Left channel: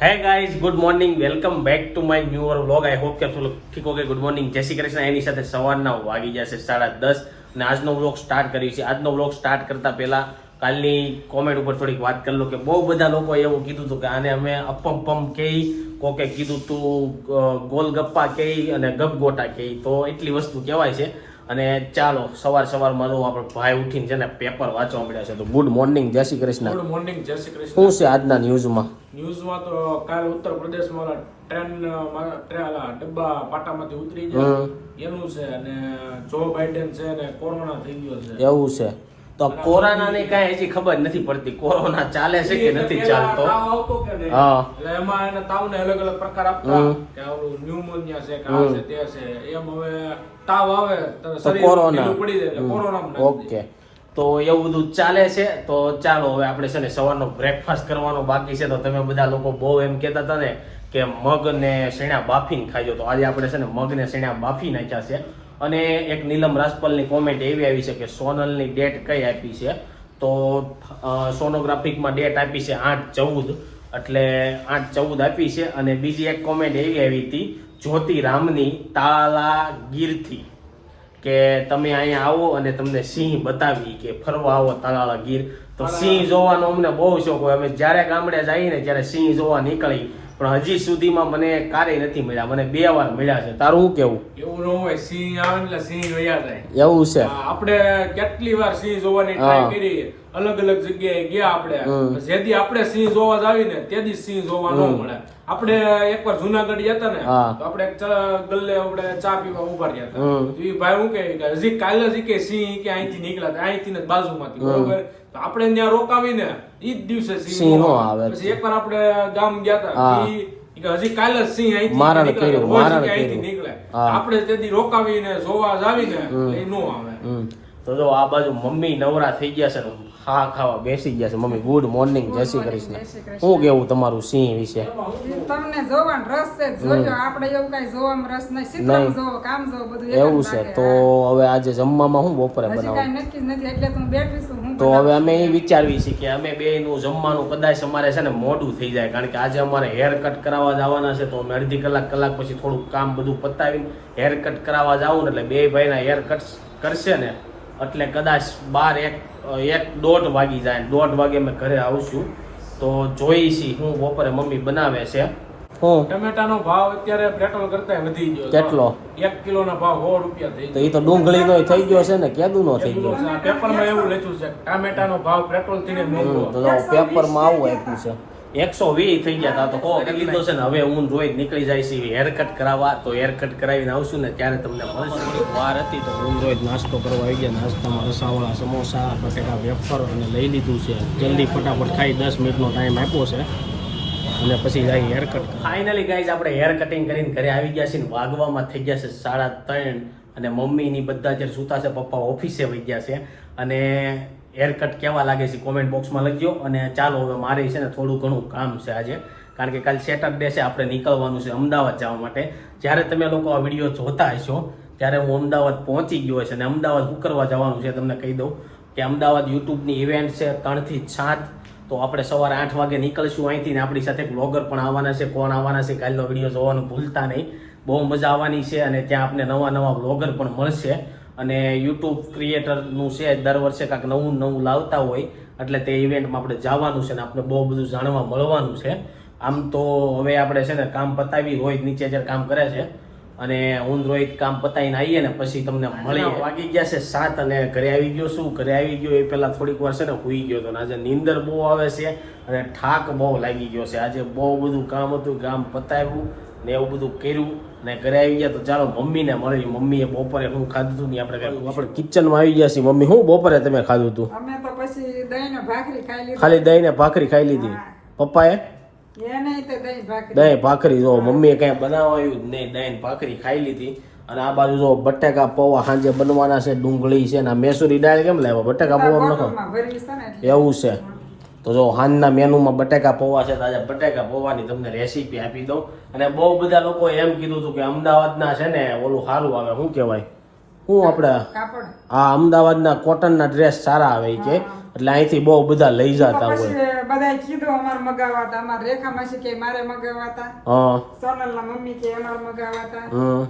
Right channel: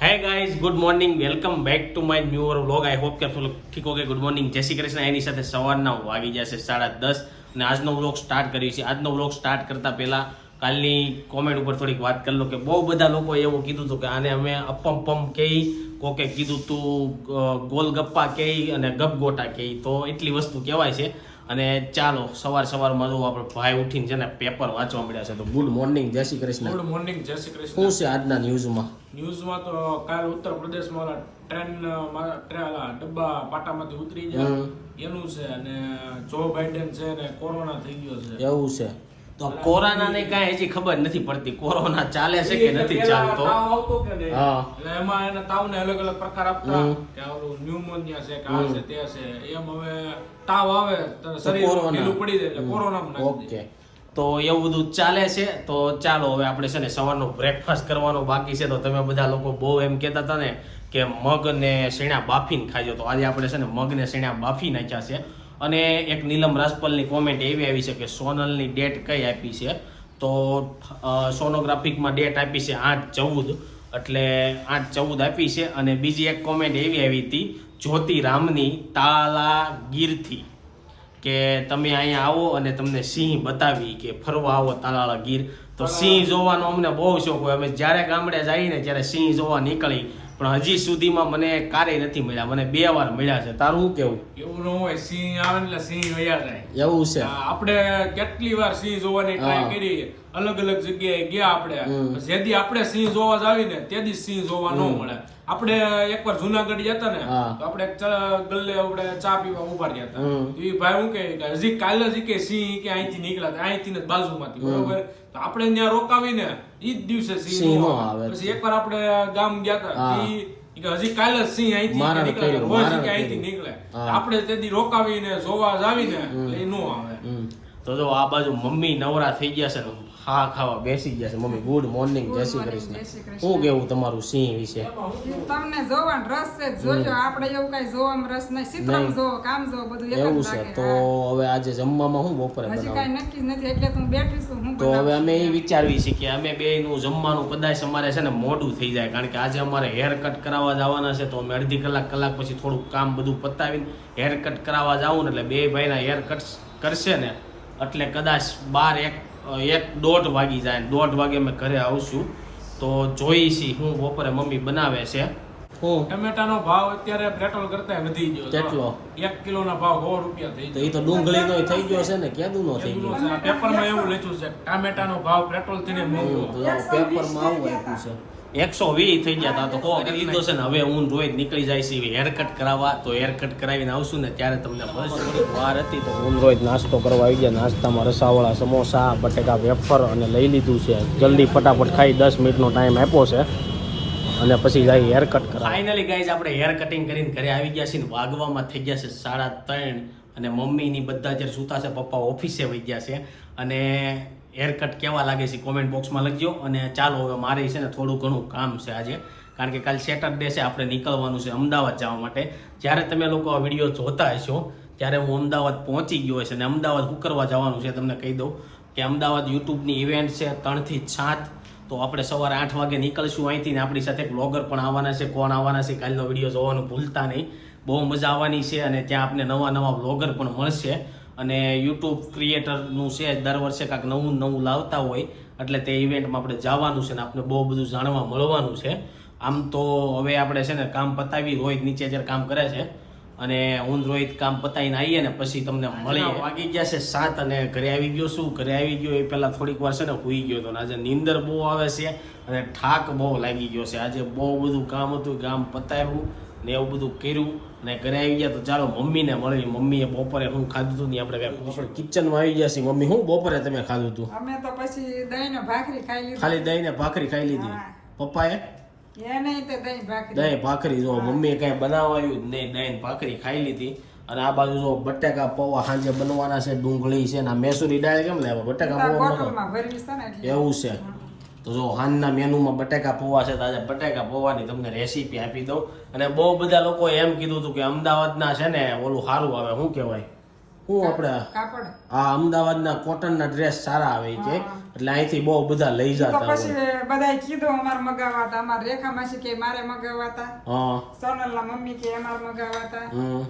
Hey guys good morning welcome back to my new vlog I hope કે આપ ઠીક okay good morning જય શ્રી કૃષ્ણ. એની સાથે સવારના વાગી જશે સાડા દસ અને આજનો વ્લોગ સ્ટાર્ટ કર્યું છે. આજનો વ્લોગ સ્ટાર્ટ કરતાં પહેલાં કાલની કોમેન્ટ ઉપર થોડીક વાત કરી લો કે બહુ બધા લોકોએ એવું કીધું હતું કે આને અમે અપમ પમ કહી કોકે કીધું તું ગોલગપ્પા કહી અને ગપગોટા કહી તો એટલી વસ્તુ કહેવાય છે. અને ચાલો સવાર સવારમાં જો આપણે ભાઈ ઉઠીને છે ને પેપર વાંચવા મળ્યા છે તો ગુડ મોર્નિંગ જય શ્રી કૃષ્ણ. ગુડ મોર્નિંગ જય શ્રી કૃષ્ણ. શું છે આજના ન્યૂઝમાં ન્યૂઝમાં તો કાલ ઉત્તર પ્રદેશમાં માં ટ્રેન ડબ્બા પાટામાંથી ઉતરી જાય એનું છે અને જો બાઇડેન છે ને કોરોના થઈ ગયો છે. એવું છે. તો કોરોનાની કઈ હજી ખબર નથી પડતી. કોરોના ચાલે છે કે નથી ચાલતો? તાવ એમાં એને તાવને અલગ અલગ પ્રકાર આપતા. કે ઓલું ન્યુમોનિયા છે કે આ છે તે છે. એમ હવે તાવ આવે શરીર ઢીલું પડી જાય એટલે કોરોના ઓકે. તો એવું બધું ચાલે છે? તો ચાલો હવે આપણે છે ને સવારનો બ્રેકફાસ્ટ કરવાનો બાકી છે. તો તમે બધા લોકો બહુ એમ કહેતા હતા ને કે મગ ને શેણા બાફીને ખાજો તો આજે આપણે છે ને મગ ને શેણા બાફી નાખ્યા છે. અને એક નીલમ રાસપલની કોમેન્ટ એવી આવી છે કે સોનલની ડેટ કઈ આપી છે? તો સોનોગ્રાફિકમાં ડેટ આપી છે આઠ ચૌદ, એટલે આઠ ચૌદ આપી છે અને બીજી એક કોમેન્ટ એવી આવી હતી જ્યોતિ રામની તાલાગીરથી, કે તમે અહીંયા આવો અને તમને સિંહ બતાવી કે ફરવા આવો તાલાળા ગીર તો સિંહ જોવાનો અમને બહુ શોખ હોય. અમે જ્યારે ગામડે જઈએ ને ત્યારે સિંહ જોવા નીકળી. પણ હજી સુધીમાં મને કારે નથી મળ્યા. મને બે વાર મળ્યા છે. તારું શું કેવું? એવું ન હોય સિંહ આવે એટલે સિંહ વયા જાય. એવું છે. આપણે કેટલી વાર સિંહ જોવાની ટ્રાય કરી અલગ અલગ જગ્યાએ ગયા આપણે. જેથી આપણે સિંહ જોવા જ આવીને તેથી સિંહ જોવા ન મળે. આપણે એકવાર જુનાગઢ ગયા હતા ને તો આપણે એક ગલ્લે આપણે ચા પીવા ઊભા રહ્યા હતા. એ ભાઈ હું કે હજી કાલે જ કે સિંહ કે અહીંથી નીકળ્યા હતા અહીંથી ને બાજુમાંથી બરોબર? તો આપણે ત્યાં રોકાવીને ઈ જ દિવસે સિંહ. પછી એકવાર આપણે ગામ ગયા હતા કે હજી કાલે જ સિંહ અહીંથી કર્યું, રોજ કે અહીંથી. નીકળે. આપણે તેથી રોકાવીને જોવા જ આવીને એ નો આવે. તો જો આ બાજુ મમ્મી નવરા થઈ ગયા છે ને હા ખાવા બેસી ગયા છે. મમ્મી ગુડ મોર્નિંગ જય શ્રી કૃષ્ણ. શું કેવું તમારું સિંહ વિશે? તમને જોવાનો રસ છે. જોજો આપણે એવું કઈ જોવામાં રસ નહીં. સિત્રમ જોવો કામ જોવો બધું એવું છે. તો હવે આજે જમવામાં શું બપોરે હા. હજી કઈ નક્કી નથી એટલે તો હું બેઠી છું હું તો હવે અમે એ વિચારવી છીએ કે અમે બે નું જમવાનું કદાચ અમારે છે ને મોડું થઈ જાય. કારણ કે આજે અમારે હેર કટ કરાવવા જવાના છે તો અમે અડધી કલાક કલાક પછી થોડુંક કામ બધું પતાવીને હેર કટ કરાવવા જાવું ને એટલે બે ભાઈના હેર કટ કરશે ને એટલે કદાચ બાર એક એક દોઢ વાગી જાય. દોઢ વાગે અમે ઘરે આવશું. તો જોઈ છી હું બપોરે મમ્મી બનાવે છે. હું? ટમેટાનો ભાવ અત્યારે પેટ્રોલ કરતા વધી ગયો. કેટલો? એક કિલોના ભાવ સો રૂપિયા થઈ તો એ તો ડુંગળીનો થઈ ગયો છે ને. કેદું નો થઈ ગયો? પેપરમાં એવું લખ્યું છે ટામેટાનો ભાવ પેટ્રોલથી મોંઘો પેપરમાં આવું આપ્યું છે. એકસો વીસ થઈ ગયા તા તો કહો કે લીધો છે ને હવે હું રોજ નીકળી જાય છે હેર કટ કરાવવા. તો હેર કટ કરાવીને આવશું ને ત્યારે તમને થોડીક વાર હતી તો હું રોજ નાસ્તો કરવા આવી ગયા. નાસ્તામાં રસાવાળા સમોસા બટેકા વેફર અને લઈ લીધું છે. જલ્દી ફટાફટ ખાઈ દસ મિનિટનો ટાઈમ આપ્યો છે. અને પછી જાય હેર કટ ફાઇનલી ગાઈઝ આપણે હેર કટિંગ કરીને ઘરે આવી ગયા છીએ ને વાગવામાં થઈ ગયા છે સાડા ત્રણ. અને મમ્મીની બધા જ્યારે સૂતા છે પપ્પા ઓફિસે વહી ગયા છે. અને હેર કટ કેવા લાગે છે કોમેન્ટ બોક્સમાં લખજો. અને ચાલો હવે મારે છે ને થોડું ઘણું કામ છે આજે. કારણ કે કાલ સેટરડે છે, આપણે નીકળવાનું છે અમદાવાદ જવા માટે. જ્યારે તમે લોકો આ વીડિયો જોતા હશો, ત્યારે હું અમદાવાદ પહોંચી ગયો છે અને અમદાવાદ હું કરવા જવાનું છે તમને કહી દઉં કે અમદાવાદ યુટ્યુબની ઇવેન્ટ છે ત્રણથી સાત. તો આપણે સવારે આઠ વાગે નીકળશું અહીંથી ને આપણી સાથે બ્લોગર પણ આવવાના છે, કોણ આવવાના છે કાલનો વીડિયો જોવાનું ભૂલતા નહીં. બહુ મજા આવવાની છે અને ત્યાં આપણે નવા નવા બ્લોગર પણ મળશે. અને યુટ્યુબ ક્રિએટરનું છે દર વર્ષે કાંઈક નવું નવું લાવતા હોય એટલે તે ઇવેન્ટમાં આપણે જવાનું છે ને આપણે બહુ બધું જાણવા મળવાનું છે. આમ તો હવે આપણે છે ને કામ પતાવી રોહિત નીચે જ્યારે કામ કરે છે અને હું રોહિત કામ પતાવીને આવીએ ને પછી તમને મળી વાગી ગયા છે સાત અને ઘરે આવી ગયો શું ઘરે આવી ગયો એ પહેલાં થોડીક વાર છે ને હુઈ ગયો હતો આજે નીંદર બહુ આવે છે અને ઠાક બહુ લાગી ગયો છે. આજે બહુ બધું કામ હતું કામ પતાવ્યું ને એવું બધું કર્યું ને ઘરે આવી ગયા તો ચાલો મમ્મીને મળી મમ્મીએ બપોરે શું ખાધું હતું ને આપણે કાંઈ આપણે કિચનમાં આવી ગયા છીએ. મમ્મી શું બપોરે તમે ખાધું હતું? અમે તો પછી દહીં ભાખરી ખાઈ લીધી. ખાલી દહીં ને ભાખરી ખાઈ લીધી. પપ્પાએ? દહીં ભાખરી. જો મમ્મીએ કઈ બનાવાયું જ નહીં દહીં ભાખરી ખાઈ લીધી. અને આ બાજુ જો બટેકા પૌવા સાંજે બનવાના છે ડુંગળી છે ને મેસુરી દાળ કેમ લાવ્યો? બટેકા પૌવા એવું છે. તો જો હાનના મેનુમાં બટેકા પૌવા છે તો આજે બટેકા પૌવાની તમને રેસીપી આપી દઉં. અને બહુ બધા લોકો એમ કીધું હતું કે અમદાવાદના છે ને ઓલું સારું આવે. શું કહેવાય? હું આપણે? હા અમદાવાદના કોટનના ડ્રેસ સારા આવે કે. એટલે અહીંથી બહુ બધા લઈ જતા હોય. બધાય કીધું અમારે મગાવાતા. અમારે રેખા માસી કે મારે મગાવાતા. હા. સોનલના મમ્મી કે અમારે મગાવાતા. હમ.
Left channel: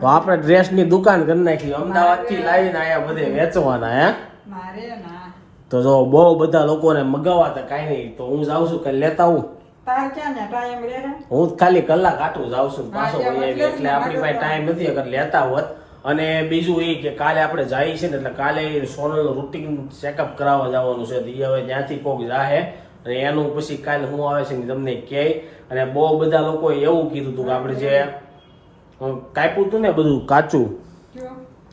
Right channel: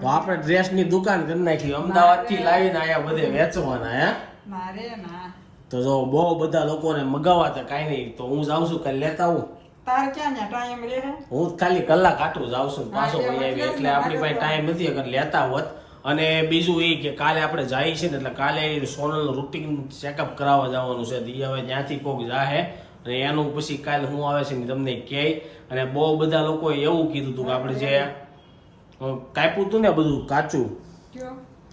તો આપણે ડ્રેસની દુકાન કરી નાખી. અમદાવાદથી લાવીને આયા બધે વેચવાના હે? મારે ના. તો જો બહુ બધા લોકોને મગાવાતા કાંઈ નહીં તો હું જાઉં છું કાલે લેતા હું તાર ક્યાં ટાઈમ રે? હું ખાલી કલાક આટું જાઉં છું પાછો વહી આવી. એટલે આપણી પાસે ટાઈમ નથી અગર લેતા હોત. અને બીજું એ કે કાલે આપણે જઈએ છીએ ને એટલે કાલે સોનલનું રૂટીન ચેકઅપ કરાવવા જવાનું છે. તો ઈ હવે ત્યાંથી કોક જાહે અને એનું પછી કાલે હું આવે છે ને તમને કહે. અને બહુ બધા લોકોએ એવું કીધું હતું કે આપણે જે કાપ્યું હતું ને બધું કાચું?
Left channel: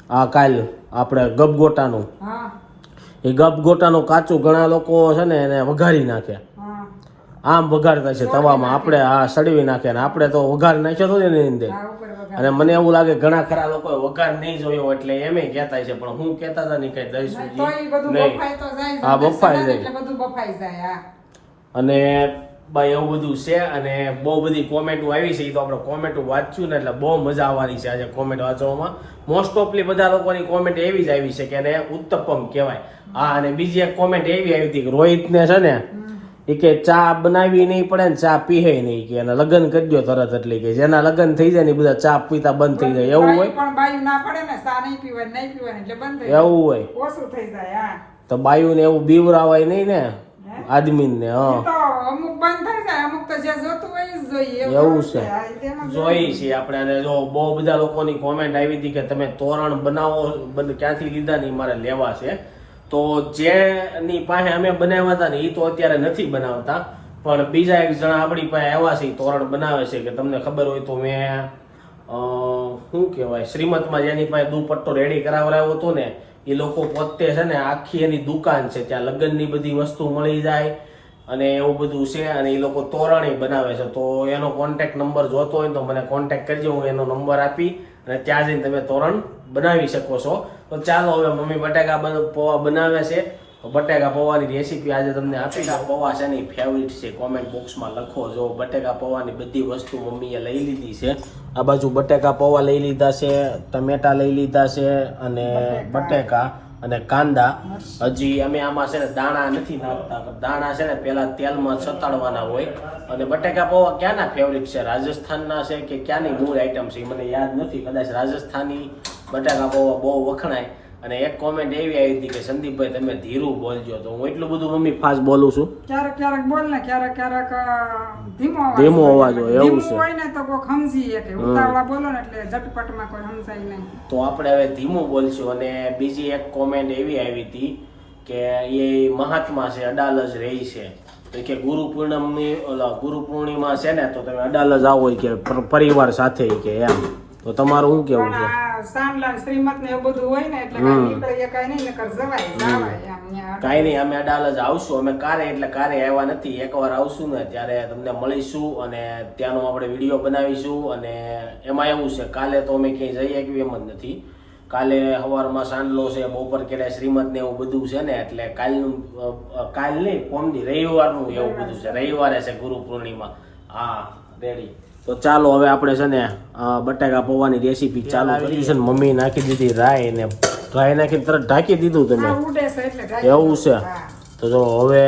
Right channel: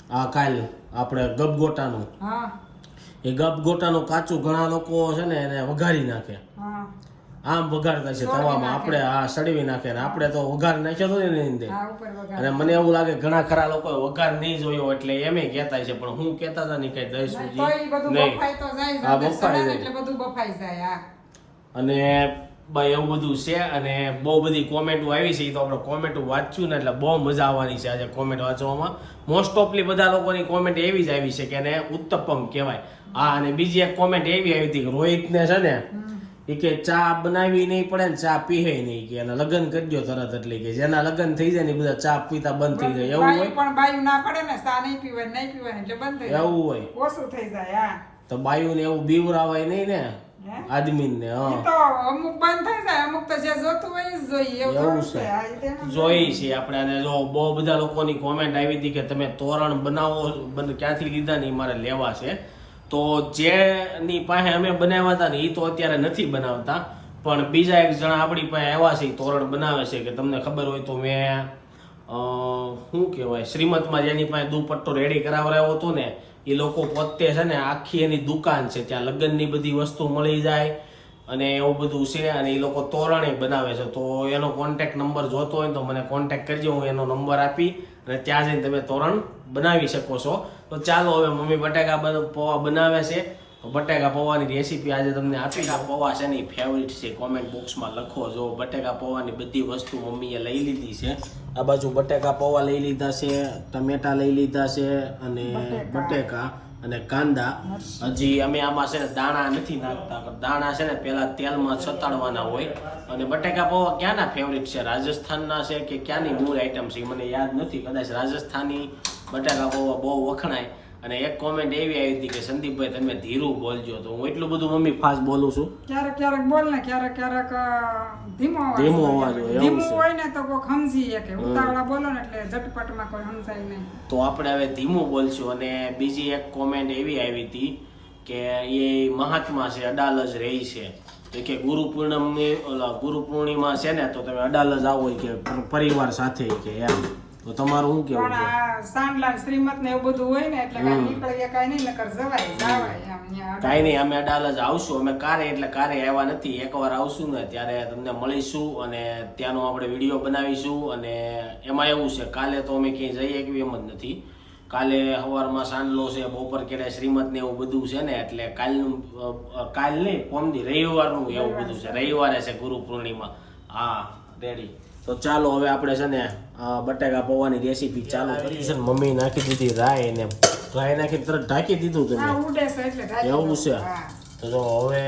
હા કાલ આપણે ગપગોટાનું હા. એ ગપગોટાનું કાચું ઘણા લોકો છે ને એને વઘારી નાખે. આમ વઘારતા છે તવામાં. આપણે હા સડવી નાખે ને આપણે તો વઘાર નાખ્યો હતો એની અંદર. અને મને એવું લાગે ઘણા ખરા લોકોએ વઘાર નહીં જોયો એટલે એમ કહેતા છે પણ હું કહેતા હતા નહીં કઈ દઈશ નહીં. હા, બફાઈ જાય. અને ભાઈ એવું બધું છે અને બહુ બધી કોમેન્ટો આવી છે તો આપણે કોમેન્ટો વાંચ્યું ને એટલે બહુ મજા આવવાની છે આજે કોમેન્ટ વાંચવામાં. મોસ્ટ ઓફલી બધા લોકોની કોમેન્ટ એવી જ આવી છે કે એને ઉત્તપમ કહેવાય. હા અને બીજી એક કોમેન્ટ એવી આવી હતી કે રોહિતને છે ને એ કે ચા બનાવી નહીં પડે ને ચા પીહે નહીં કે લગ્ન કરજો તરત એટલે કે જેના લગ્ન થઈ જાય ને બધા ચા પીતા બંધ થઈ જાય એવું હોય. પણ બાયુ ના પડે ને ચા નહીં પીવાય નહીં પીવાય એટલે બંધ થઈ જાય. એવું હોય. ઓછું થઈ જાય હા. તો બાયુને એવું બીવરાવાય નહીં ને? આદમીને હા. તો અમુક બંધ થઈ જાય અમુક તો જે જોતું હોય જ જોઈએ. એવું એવું છે. જોઈ છે આપણે અને જો બહુ બધા લોકોની કોમેન્ટ આવી હતી કે તમે તોરણ બનાવો બન- ક્યાંથી લીધા ને ઈ મારે લેવા છે. તો જેની પાસે અમે બનાવ્યા હતા ને એ તો અત્યારે નથી બનાવતા. પણ બીજા એક જણા આપણી પાસે આવ્યા છે તોરણ બનાવે છે કે તમને ખબર હોય તો મેં શું કહેવાય શ્રીમતમાં જેની પાસે દુપટ્ટો રેડી કરાવડાવ્યો હતો ને એ લોકો પોતે છે ને આખી એની દુકાન છે, ત્યાં લગ્નની બધી વસ્તુ મળી જાય અને એવું બધું છે અને એ લોકો તોરણી બનાવે છે. તો એનો કોન્ટેક્ટ નંબર જોતો હોય તો મને કોન્ટેક્ટ કરજો, હું એનો નંબર આપી અને ત્યાં જઈને તમે તોરણ બનાવી શકો છો. તો ચાલો, હવે મમ્મી બટાકા પૌવા બનાવે છે. બટાકા પૌવાની રેસીપી આજે તમને આપી દઉં પૌવા છે ને ફેવરિટ છે? કોમેન્ટ બોક્સમાં લખો. જો બટેકા પૌવાની બધી વસ્તુ મમ્મીએ લઈ લીધી છે. આ બાજુ બટેકા પૌવા લઈ લીધા છે ટમેટા લઈ લીધા છે અને બટેકા. અને કાંદા. હજી અમે આમાં છે ને દાણા નથી નાખતા પણ દાણા છે ને પહેલાં તેલમાં છતાડવાના હોય. અને બટેકા પૌવા ક્યાંના ફેવરિટ છે? રાજસ્થાનના છે કે ક્યાંની મૂળ આઈટમ છે? એ મને યાદ નથી. કદાચ રાજસ્થાની બટેકા પૌવા બહુ વખણાય. અને એક કોમેન્ટ એવી આવી હતી કે સંદીપભાઈ તમે ધીરું બોલજો. તો હું એટલું બધું મમ્મી ફાસ્ટ બોલું છું. ક્યારેક ક્યારેક બોલ ને ક્યારેક ક્યારેક ધીમો અવાજ ધીમો અવાજ હોય, એવું છે. કોઈ ને તો કોઈ સમજી શકે. ઉતાવળા બોલો ને એટલે ઝટપટમાં કોઈ સમજાય નહીં. તો આપણે હવે ધીમું બોલશું અને બીજી એક કોમેન્ટ એવી આવી હતી કે એ મહાત્મા છે અડાલજ રહી છે. તો કે ગુરુ પૂર્ણિમની ઓલા ગુરુ પૂર્ણિમા છે ને તો તમે અડાલજ આવો. કે પરિવાર સાથે કે એમ. તો તમારું શું કેવું છે? આ સાંડલા શ્રીમત ને એવું બધું હોય ને એટલે નીકળીએ કાંઈ નહીં નકર જવાય જવાય એમ નહીં અમે અડાલજ આવશું. અમે કારે એટલે કારે આવ્યા નથી. એકવાર આવશું ને ત્યારે તમને મળીશું અને ત્યાંનો આપણે વીડિયો બનાવીશું. અને એમાં એવું છે કાલે તો અમે ક્યાંય જઈ શકીએ એમ જ નથી. કાલે સવારમાં સાંડલો છે બપોર કેડે શ્રીમત ને એવું બધું છે ને એટલે કાલનું કાલ નહીં પોમદી રવિવારનું એવું બધું છે. રવિવારે છે ગુરુ પૂર્ણિમા. હા રેડી. તો ચાલો હવે આપણે છે ને બટાકા પૌવાની રેસીપી ચાલુ કરી છે ને મમ્મી નાખી દીધી રાય ને રાય નાખી તરત ઢાંકી દીધું તમે. આ ઉડે છે એટલે ઢાંકી એવું છે. તો જો હવે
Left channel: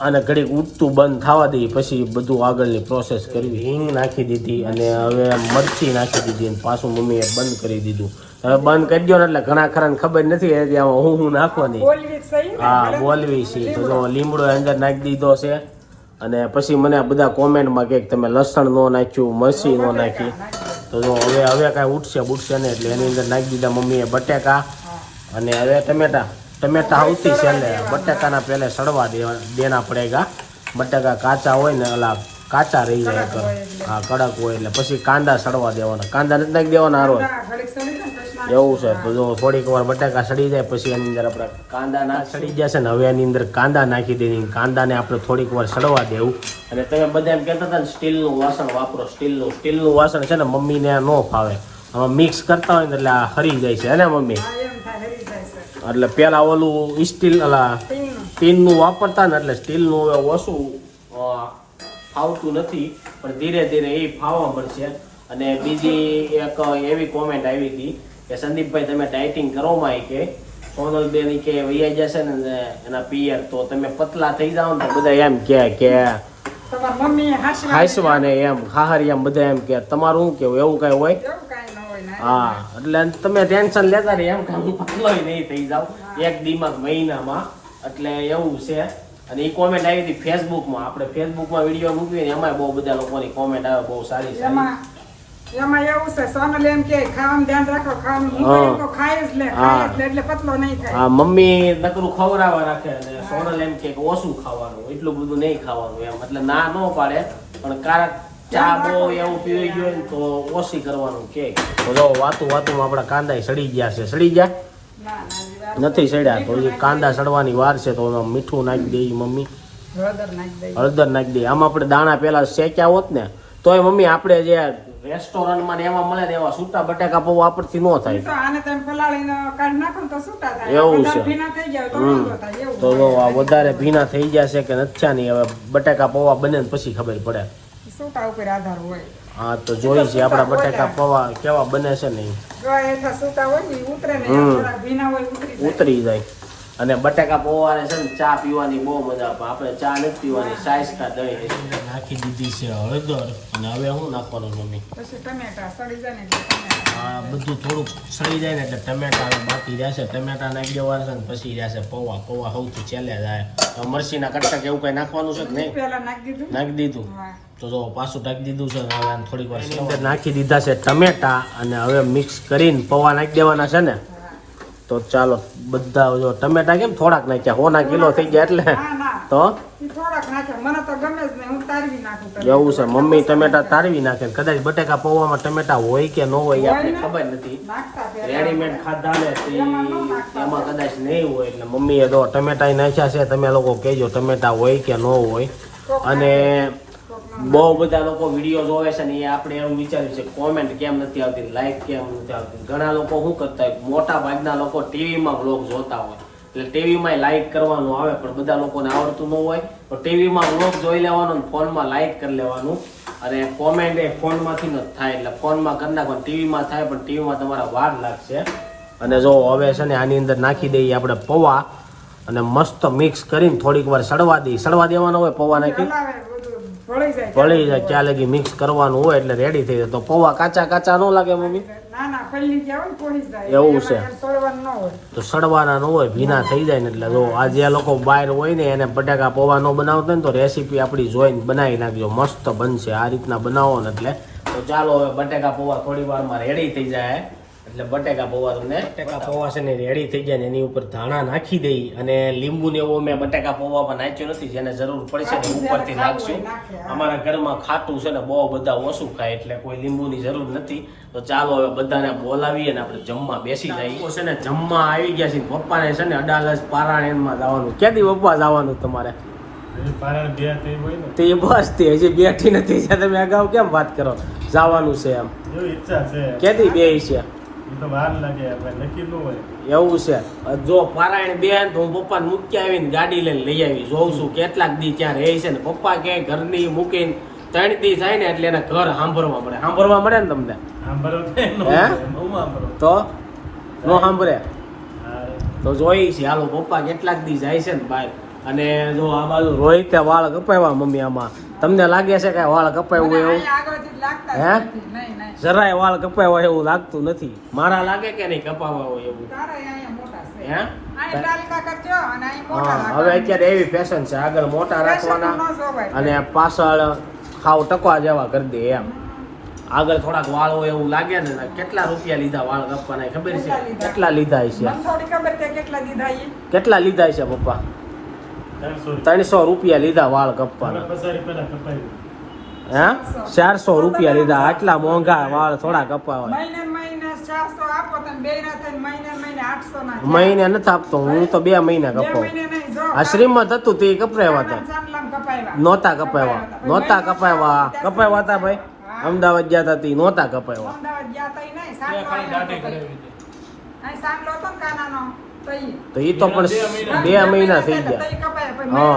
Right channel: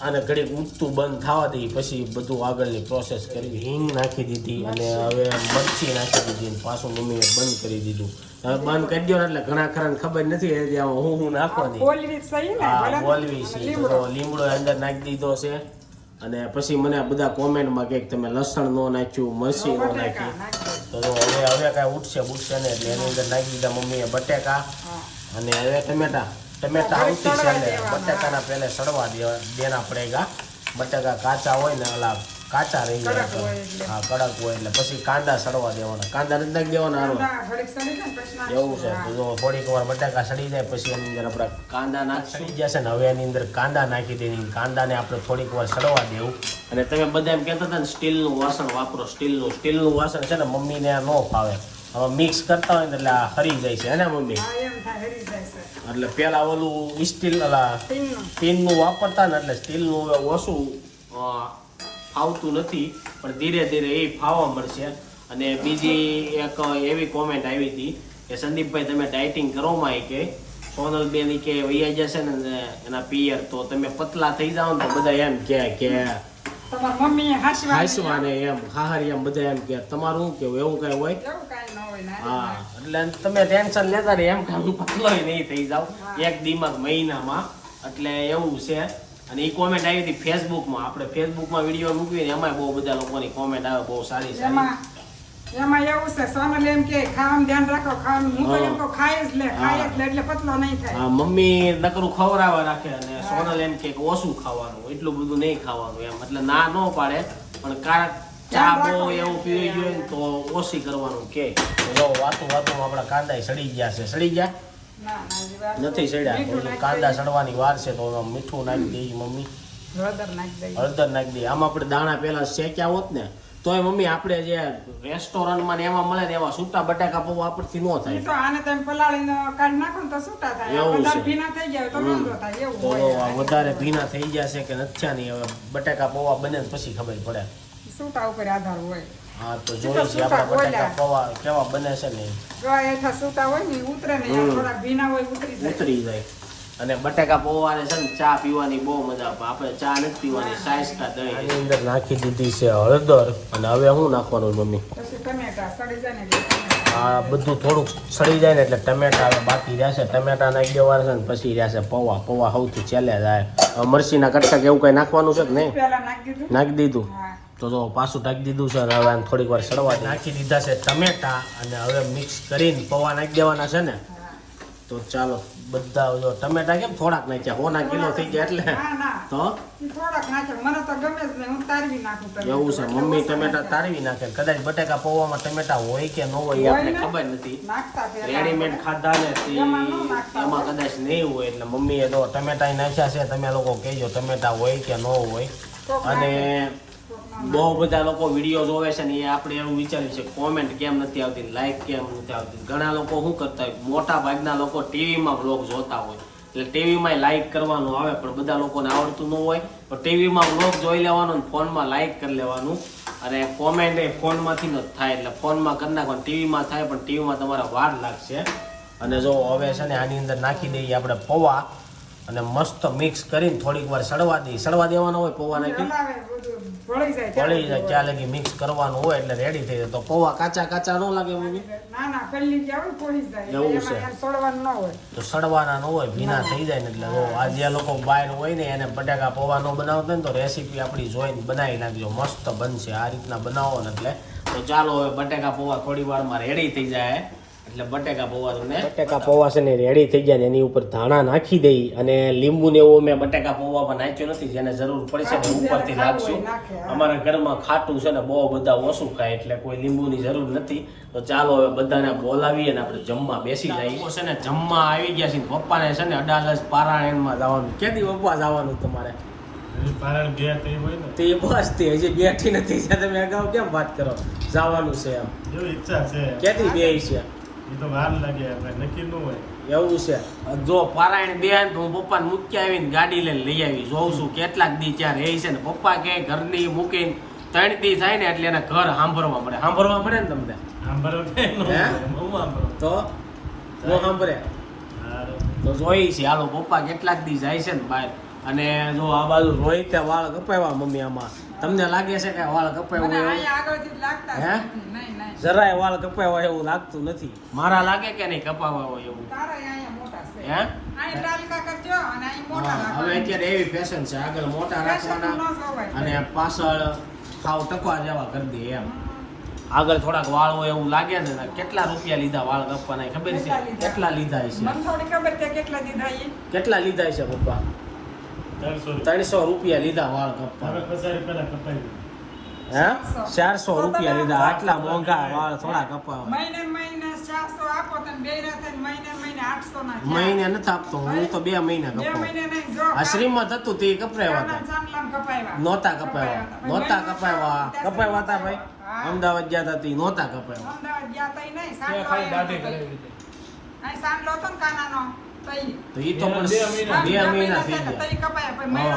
આને ઘડીક ઉઠતું બંધ થવા દઈએ પછી બધું આગળની પ્રોસેસ કરવી હિંગ નાખી દીધી અને હવે મરચી નાખી દીધી અને પાછું મમ્મીએ બંધ કરી દીધું. હવે બંધ કરી દો ને એટલે ઘણા ખરા ખબર નથી આમાં હું હું નાખવાની. હા બોલવી છે. તો લીમડો અંદર નાખી દીધો છે. અને પછી મને બધા કોમેન્ટમાં કે તમે લસણ ન નાખ્યું, મરચી નો નાખી તો હવે હવે કાંઈ ઉઠશે, બુટશે ને એટલે એની અંદર નાખી દીધા મમ્મીએ બટેકા અને હવે ટમેટા. ટમેટા આવતી છે ને બટેકાના પહેલાં સડવા દેવા દેના પડેગા બટેકા કાચા હોય ને અલા કાચા રહી જાય તો. હા કડક હોય એટલે પછી કાંદા સડવા દેવાના. કાંદા નથી નાખી દેવાના હારો ના, ને એવું છે તો જો થોડીક વાર બટાકા સડી જાય પછી એની અંદર આપણે કાંદા નાખ સડી જશે ને હવે એની અંદર કાંદા નાખી દેવી. કાંદાને આપણે થોડીક વાર સડવા દેવું. અને તમે બધા એમ કહેતા હતા ને સ્ટીલનું વાસણ વાપરો સ્ટીલનું. સ્ટીલનું વાસણ છે ને મમ્મીને ન ફાવે. મિક્સ કરતા હોય ને એટલે આ હરી જાય છે હે ને મમ્મી? એટલે પેલા ઓલું સ્ટીલ અલા ટીનનું. વાપરતા ને એટલે સ્ટીલનું હવે ઓછું ફાવતું નથી પણ ધીરે ધીરે એ ફાવવા મળશે. અને બીજી એક એવી કોમેન્ટ આવી હતી કે સંદીપભાઈ તમે ડાયટિંગ કરો માં કે? સોનલબેન કે વૈયા જશે ને એના પિયર તો તમે પતલા થઈ જાઓ ને તો બધા એમ કે કે હાસવાને એમ હાસવા એમ બધા એમ કે તમારું શું કેવું? એવું કઈ હોય? ન ને. હા એટલે તમે ટેન્શન લેતા રહી એમ કે હું નહીં થઈ જાવ એક દિમાગ મહિનામાં. એટલે એવું છે. અને એ કોમેન્ટ આવી હતી ફેસબુકમાં આપણે ફેસબુકમાં વીડિયો મૂકીએ ને એમાં બહુ બધા લોકોની કોમેન્ટ આવે બહુ સારી સારી. એમાં એમાં એવું છે સોનલ એમ કે ખાવાનું ધ્યાન રાખો ખાવાનું તો ખાય જ લે ખાય જ લે એટલે પતલો નહીં થાય. હા મમ્મી નકરું ખવડાવવા રાખે અને સોનલ એમ કે ઓછું ખાવાનું એટલું બધું નહીં ખાવાનું એમ. એટલે ના ન પાડે પણ કારક ચા બહુ એવું પીવી ગયો તો ઓછી કરવાનું કે. વાતું વાતું આપણા કાંદા સડી ગયા છે. સડી ગયા? નથી સડ્યા તો કાંદા સડવાની વાર છે તો મીઠું નાખી દે મમ્મી. હળદર નાખી દે. આમાં આપણે દાણા પેલા શેક્યા હોત ને તોય મમ્મી આપણે જે રેસ્ટોરન્ટમાં ને એમાં મળે ને એવા સૂટા બટાકા પૌવા આપણથી ન થાય. તો આને તમે પલાળીને કાઢ નાખો તો સૂટા થાય. એવું છે. ભીના થઈ જાય તો. વાંધો થાય. એવું તો આ વધારે ભીના થઈ જશે કે નથી ને હવે બટાકા પૌવા બને પછી ખબર પડે. છૂટા ઉપર આધાર હોય? હા તો જોઈ છે આપણા બટાકા પૌવા કેવા બને છે ને હેઠા છૂટા હોય ને ઉતરે ને થોડા ભીના હોય ઉતરી જાય. ઉતરી જાય. અને બટાકા પૌવાને છે ને ચા પીવાની બહુ મજા આવે આપણે ચા નથી પીવાની સાયસ્તા દહીં અંદર નાખી દીધી છે હળદર અને હવે શું નાખવાનું મમ્મી? પછી ટમેટા સડી જાય ને એટલે. આ બધું થોડુંક સડી જાય ને એટલે ટમેટા બાકી રહેશે. ટમેટા નાખી દેવાના છે ને પછી રહેશે પૌવા. પૌવા સૌથી છેલ્લે જાય. હવે મરચીના કટકા કે એવું કઈ નાખવાનું છે કે નહીં? નાખી દીધું. તો જો પાછું નાખી દીધું છે હવે થોડીક વાર સડવા નાખી દીધા છે ટમેટા અને હવે મિક્સ કરીને પૌવા નાખી દેવાના છે ને. તો ચાલો બધા જો ટમેટા કેમ થોડાક નાખ્યા? હોના કિલો થઈ ગયા એટલે? તો. એવું છે મમ્મી ટમેટા તારવી નાખે. કદાચ બટેકા પૌવામાં ટમેટા હોય કે ન હોય આપણે ખબર નથી. રેડીમેડ ખાધા ને એમાં કદાચ નહીં હોય એટલે મમ્મીએ તો ટમેટા નાખ્યા છે તમે લોકો કહેજો ટમેટા હોય કે ન હોય. અને બહુ બધા લોકો વીડિયો જોવે છે ને એ આપણે એવું વિચાર્યું છે કોમેન્ટ કેમ નથી આવતી લાઈક કેમ નથી આવતી? ઘણા લોકો શું કરતા હોય? મોટા ભાગના લોકો ટીવીમાં બ્લોગ જોતા હોય. એટલે ટીવીમાં લાઈક કરવાનું આવે, પણ બધા લોકોને આવડતું ન હોય. તો ટીવીમાં બ્લોગ જોઈ લેવાનો ને ફોનમાં લાઈક કરી લેવાનું. અને કોમેન્ટ એ ફોનમાંથી જ થાય, એટલે ફોનમાં કરી નાખવાનું ટીવીમાં થાય, પણ ટીવીમાં તમારા વાર લાગશે. અને જો હવે છે ને આની અંદર નાખી દઈએ આપણે પૌવા. અને મસ્ત મિક્સ કરીને થોડીક વાર સડવા દઈએ. સડવા દેવાનો હોય પૌવા નાખી. ભળી જાય ત્યાં લગી મિક્સ કરવાનું હોય એટલે રેડી થઈ જાય. તો પૌવા કાચા કાચા ન લાગે મમ્મી? એવું છે. તો સડવાના ન હોય ભીના થઈ જાય ને એટલે જો આ જે લોકો બહાર હોય ને એને બટાકા પૌવા ન બનાવતા હોય ને તો રેસીપી આપણી જોઈને બનાવી નાખજો. મસ્ત બનશે. આ રીતના બનાવો ને એટલે. તો ચાલો હવે બટાકા પૌવા થોડી વારમાં રેડી થઈ જાય. એટલે બટેકા પૌવા તમને બટેકા પૌવા છે ને રેડી થઈ જાય ને એની ઉપર ધાણા નાખી દઈ અને લીંબુ ને એવું મેં બટેકા પૌવામાં નાખ્યું નથી જેને જરૂર પડશે ને ઉપરથી નાખશું. અમારા ઘરમાં ખાટું છે ને બહુ બધા ઓછું ખાય એટલે કોઈ લીંબુની જરૂર નથી. તો ચાલો હવે બધાને બોલાવીએ ને આપણે જમવા બેસી જઈએ. છે ને જમવા આવી ગયા છે પપ્પાને છે ને અડાલજ પારાયણમાં જવાનું. ક્યાંથી પપ્પા જવાનું તમારે? તે બસ તે હજી બેઠી નથી. તમે અગાઉ કેમ વાત કરો? જવાનું છે એમ. ઈચ્છા છે. ક્યાંથી બે છે? તો વાર લાગે નક્કી ન હોય. એવું છે. જો પારાયણ બેન તો હું પપ્પાને મૂકી આવીને ગાડી લઈને લઈ આવી જોઉં છું કેટલાક દી ત્યાં રહે છે ને પપ્પા કે ઘરની મૂકીને ત્રણ દી થાય ને એટલે એને ઘર સાંભળવા મળે. સાંભળવા મળે ને તમને? આંબરો તો? નો સાંભળે. તો જોઈ છે હાલો પપ્પા કેટલાક દી જાય છે ને બહાર. અને જો આ બાજુ રોહિત વાળ કપાવ્યા મમ્મી આમાં. તમને લાગે છે કે વાળ કપાય હોય એવું? હે? જરાય વાળ કપાય હોય એવું લાગતું નથી. મારા લાગે કે નહીં કપાવા હોય એવું? હવે અત્યારે એવી ફેશન છે. આગળ મોટા રાખવાના અને પાછળ ખાવ ટકવા જેવા કરી દે એમ. આગળ થોડાક વાળ હોય એવું લાગે ને કેટલા રૂપિયા લીધા વાળ કપવાના ખબર છે? કેટલા લીધા? છે? કેટલા લીધા છે પપ્પા? ત્રણસો રૂપિયા. લીધા વાળ કપાઈ હા? ચારસો રૂપિયા લીધા. આટલા મોંઘા વાળ થોડા કપાવા મહિને ને મહિને 400 આપો તમે બેયના થઈને મહિને ને મહિને 800 ના થયા. મહિને નથી આપતો. હું તો બે મહિના કપાવ કપાવું. મહિને નહીં, જો. આ શ્રીમત હતું તે કપરાવ્યા હતા. કપાવ્યા. નહોતા કપાવ્યા નહોતા કપાવ્યા. કપાવ્યા હતા ભાઈ. અમદાવાદ ગયા હતા તે નહોતા કપાવ્યા. અમદાવાદ ગયા હતા નહીં, સાંડલો અહીંયા હતો કાનાનો. તો એ તો પણ બે મહિના. થઈ ગયા.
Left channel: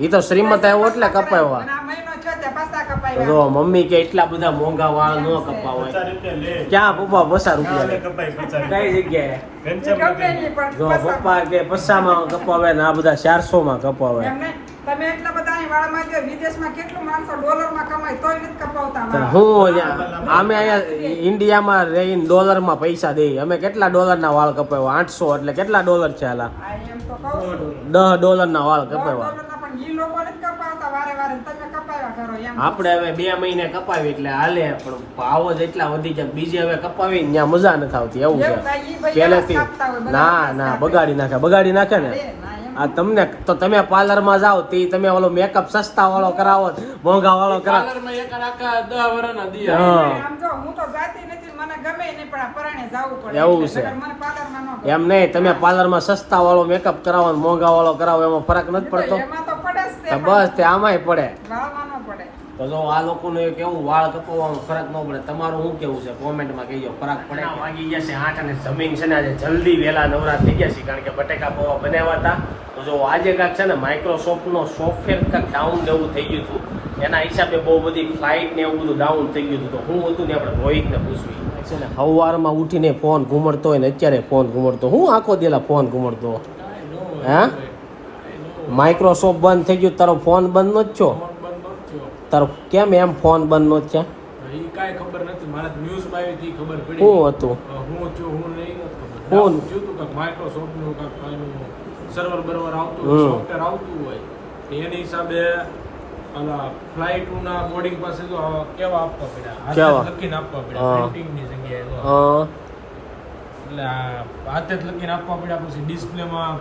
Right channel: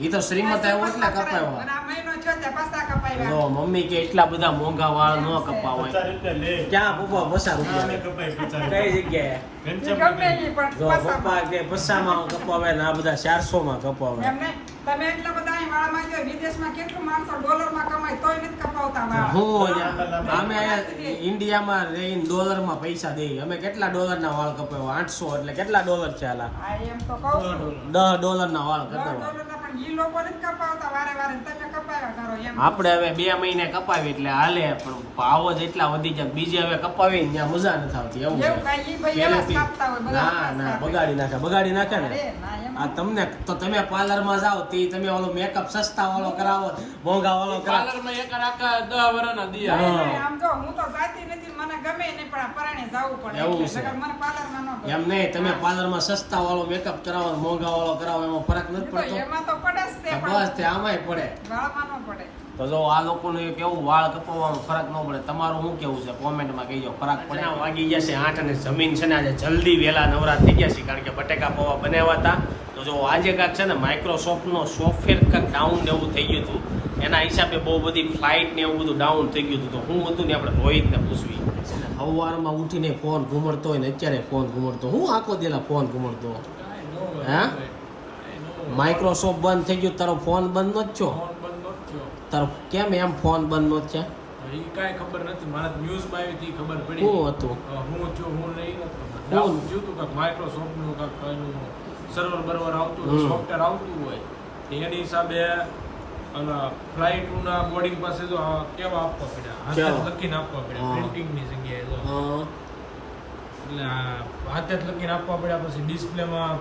એ તો શ્રીમત આવ્યો એટલે કપાયો. આ મહિનો થયો ત્યાં પાછા કપાયા. કપાવ્યા જો મમ્મી કે એટલા બધા મોંઘા વાળ ન કપાવાય પચાસ ક્યાં પપ્પા પચાસ રૂપિયા લે? કપાય પચાસ કઈ જગ્યાએ? જો પપ્પા કે પચાસમાં કપાવે ને આ બધા ચારસો માં કપાવે તમે એટલા બધા વાળમાં ગયો વિદેશમાં કેટલું માણસો ડોલરમાં કમાય તોય નથી કપાવતા વાળ. હું અહીંયા અમે અહીંયા ઇન્ડિયામાં રહીને ડોલરમાં પૈસા દઈએ અમે કેટલા ડોલરના વાળ કપાવ્યા? આઠસો એટલે કેટલા ડોલર છે હાલા આ એમ તો દસ ડોલરના વાળ કપાવ્યા. ડોલરના પણ ઈ લોકો નથી કપાવતા વારે વારે તમે કપાવ્યા કરો એમ. આપણે હવે બે મહિને કપાવી એટલે હાલે પણ ભાવ જ એટલા વધી જાય બીજે હવે કપાવી ત્યાં મજા નથી આવતી એવું છે. જ ના ના બગાડી નાખે બગાડી નાખે ને. ના, આ તમને તો તમે પાર્લરમાં જાઓ તે તમે ઓલો મેકઅપ સસ્તા વાળો કરાવો મોંઘા વાળો કરાવો. પાર્લરમાં એક આખા દસ વર્ષના દિયા. હા. આમ જો હું તો જાતી નથી મને ગમે નહીં પણ પરાણે જાવું પડે એવું છે. મને પાર્લરમાં ન એમ નહીં તમે પાર્લરમાં સસ્તા વાળો મેકઅપ કરાવો ને મોંઘા વાળો કરાવો એમાં ફરક નથી પડતો. એમાં તો પડે જ બસ તે આમાંય પડે. વાળમાં ન પડે. તો જો આ લોકોનું એક કેવું વાળ કપાવવાનું ફરક ન પડે તમારું શું કેવું છે? કોમેન્ટમાં કહેજો ફરક પડે વાગી ગયા છે આઠ અને જમીન છે ને આજે જલ્દી વહેલા નવરા થઈ ગયા છે કારણ કે બટેકા પૌવા બનાવ્યા હતા. તો જો આજે કાંક છે ને માઇક્રોસોફ્ટનો સોફ્ટવેર કાંક ડાઉન એવું થઈ ગયું હતું. એના હિસાબે બહુ બધી ફ્લાઇટ ને એવું બધું ડાઉન થઈ ગયું હતું. તો હું હતું ને આપણે રોહિતને પૂછવી. છે ને સવારમાં ઉઠીને ફોન ઘૂમડતો હોય ને અત્યારે ફોન ઘૂમડતો હું આખો દેલા ફોન ઘુમડતો હા? માઇક્રોસોફ્ટ બંધ થઈ ગયું તારો ફોન બંધ નો જ છો ફોન બંધ નહોતો થયો. તારો કેમ એમ ફોન બંધ નો છે ઈ કાંઈ ખબર નથી. મારા ન્યૂઝમાં આવી હતી ખબર પડી. શું હતું? હું થયું હું નહીં ખબર. માઇક્રોસોફ્ટનું એનું સર્વર બર્વર આવતું. સોફ્ટવેર આવતું હોય. એની હિસાબે ઓલા ફ્લાઇટના બોર્ડિંગ પાસે તો કેવા આપવા પડ્યા? હાથે લખીને આપવા પડ્યા હા. પ્રિન્ટિંગની જગ્યાએ જો. એટલે આ હાથે જ લખીને આપવા પડ્યા પછી ડિસ્પ્લેમાં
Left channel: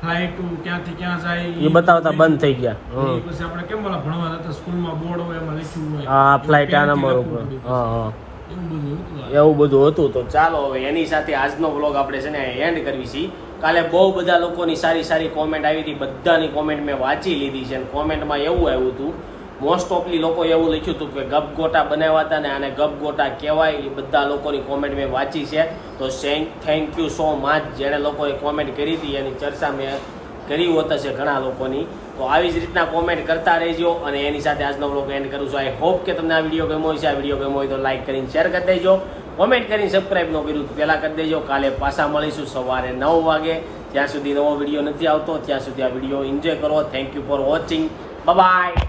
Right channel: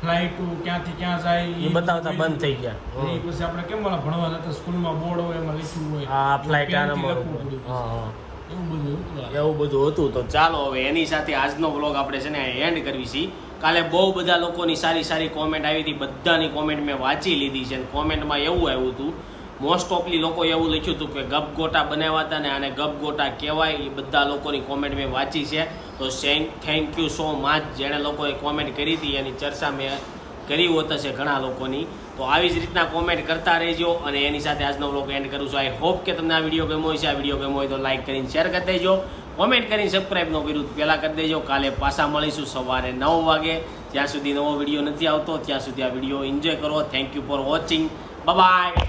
ફ્લાઇટ ક્યાંથી ક્યાં જાય એ બતાવતા બંધ થઈ ગયા. પછી આપણે કેમ ઓલા ભણવા જતા? સ્કૂલમાં બોર્ડ હોય એમાં લખ્યું હોય. હા ફ્લાઇટ આ નંબર ઉપર. હા હા. એવું બધું હતું એવું બધું હતું. તો ચાલો હવે એની સાથે આજનો વ્લોગ આપણે છે ને એન્ડ કરવી છીએ કાલે બહુ બધા લોકોની સારી સારી કોમેન્ટ આવી હતી. બધાની કોમેન્ટ મેં વાંચી લીધી છે અને કોમેન્ટમાં એવું આવ્યું હતું મોસ્ટ ઓફલી લોકો એવું લખ્યું હતું કે ગપગોટા બનાવ્યા હતા ને આને ગપગોટા કહેવાય એ બધા લોકોની કોમેન્ટ મેં વાંચી છે. તો થેન્ક યુ સો મચ જેણે લોકોએ કોમેન્ટ કરી હતી, એની ચર્ચા મેં કરી હોત છે ઘણા લોકોની. તો આવી જ રીતના કોમેન્ટ કરતા રહેજો અને એની સાથે આજનો વ્લોગ એન્ડ કરું છું. આઈ હોપ કે તમને આ વીડિયો ગમ્યો હોય છે આ વીડિયો ગમ્યો હોય તો લાઈક કરીને શેર કરી દેજો. કોમેન્ટ કરીને સબસ્ક્રાઈબ ન કર્યું પહેલાં કરી દેજો. કાલે પાછા મળીશું સવારે નવ વાગે. ત્યાં સુધી નવો વીડિયો નથી આવતો. ત્યાં સુધી આ વીડિયો એન્જોય કરો. Thank you for watching bye